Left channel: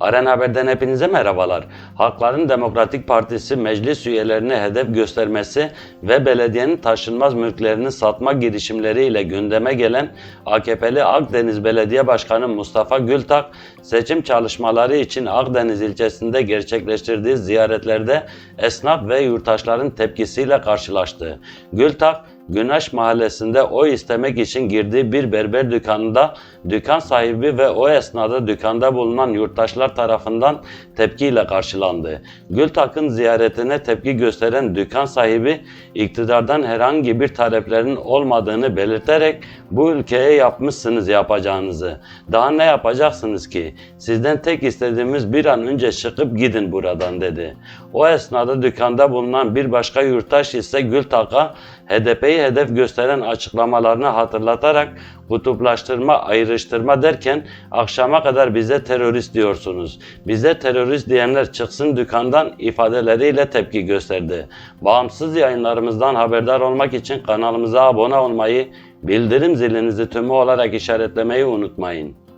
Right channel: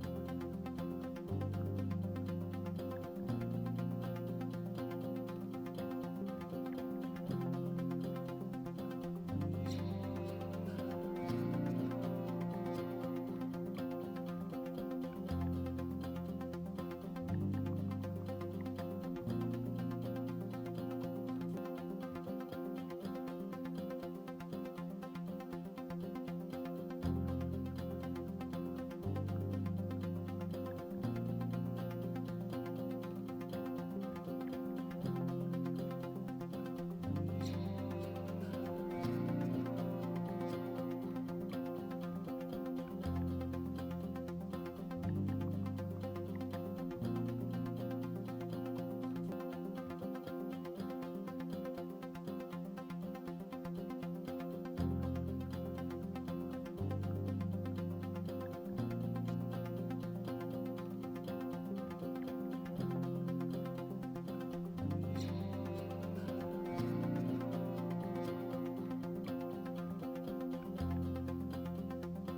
Arena Haber'den hepinize merhabalar. Halkların Demokratik Partisi meclis üyelerini hedef göstermesi ve belediyenin taşınmaz mülklerini satma girişimleriyle gündeme gelen AKP'li Akdeniz Belediye Başkanı Mustafa Gültak, seçim çalışmaları için Akdeniz ilçesinde gerçekleştirdiği ziyaretlerde esnaf ve yurttaşların tepkisiyle karşılaştı. Gültak, Güneş Mahallesi'nde oy istemek için girdiği bir berber dükkanında dükkan sahibi ve o esnada dükkanda bulunan yurttaşlar tarafından tepkiyle karşılandı. Gültak'ın ziyaretine tepki gösteren dükkan sahibi iktidardan herhangi bir taleplerin olmadığını belirterek bu ülkeye yapmışsınız yapacağınızı. Daha ne yapacaksınız ki? Sizden tek istediğimiz bir an önce çıkıp gidin buradan dedi. O esnada dükkanda bulunan bir başka yurttaş ise Gültak'a HDP'yi hedef gösteren açıklamalarını hatırlatarak kutuplaştırma, ayrıştırma derken akşama kadar bize terörist diyorsunuz. Bize terörist diyenler çıksın dükkandan ifadeleriyle tepki gösterdi. Bağımsız yayınlarımızdan haberdar olmak için kanalımıza abone olmayı, bildirim zilinizi tümü olarak işaretlemeyi unutmayın.